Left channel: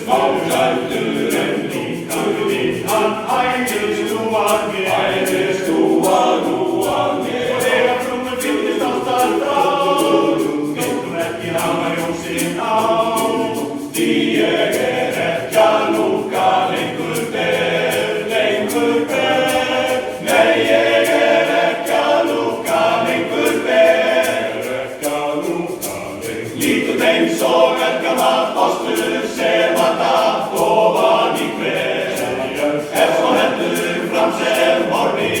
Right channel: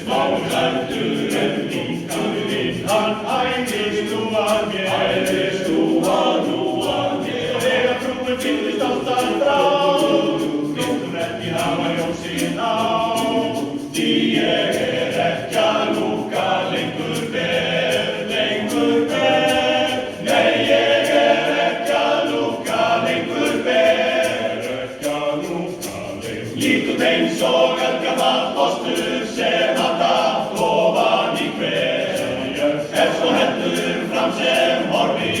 Smáklæddur en líka við hann æðist nú að mér. Og þegar frúin fyllist ástar frá, vill hún ekki hafa ljósin á. Því ég ekki að lúka lengur ber. Nei, ég ekki að lúka lengur ber. Lít út eins og eldgamall postur sem að datt ofan í hver. Svo hendur fram sem horfi,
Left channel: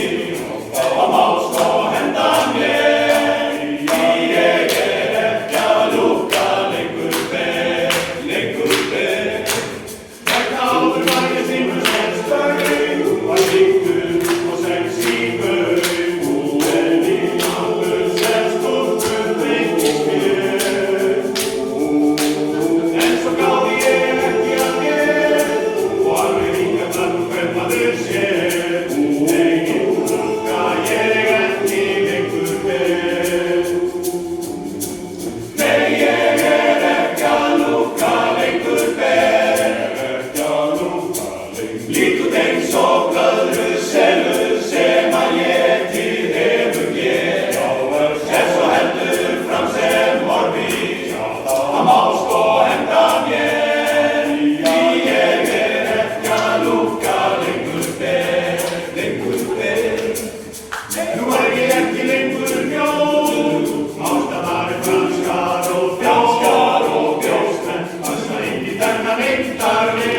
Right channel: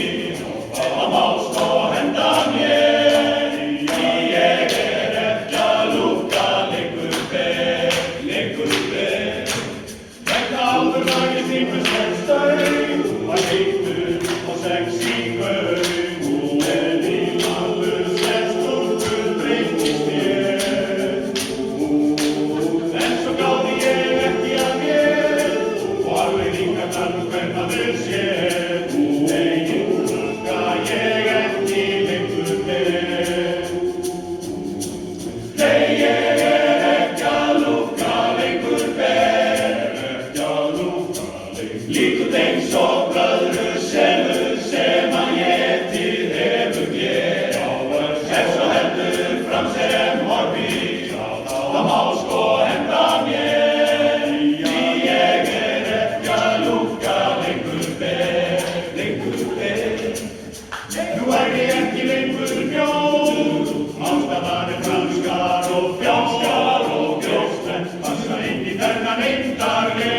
hann má slá henda mér. Því ég ekki að lúka lengur ber. Vegna áður var ég símur sem stöng, var líkur og sex í gaung. En í áður sem stúlkur breyttist mér. En svo gáði ég ekki að mér, og alveg ríkarnar nú kaupmaður sér. Nei, lúka ég ekki lengur ber. Nei, ég ekki að lúka lengur ber. Lít út eins og blöðru selur sem að étið hefur hér. Svo heldur fram sem horfi, hann má sko henda mér. Því ég ekki að lúka lengur ber. Nú ég ekki lengur mjór, ástæðar franskar og brjóstmenn passa inn í þennan eindarleik.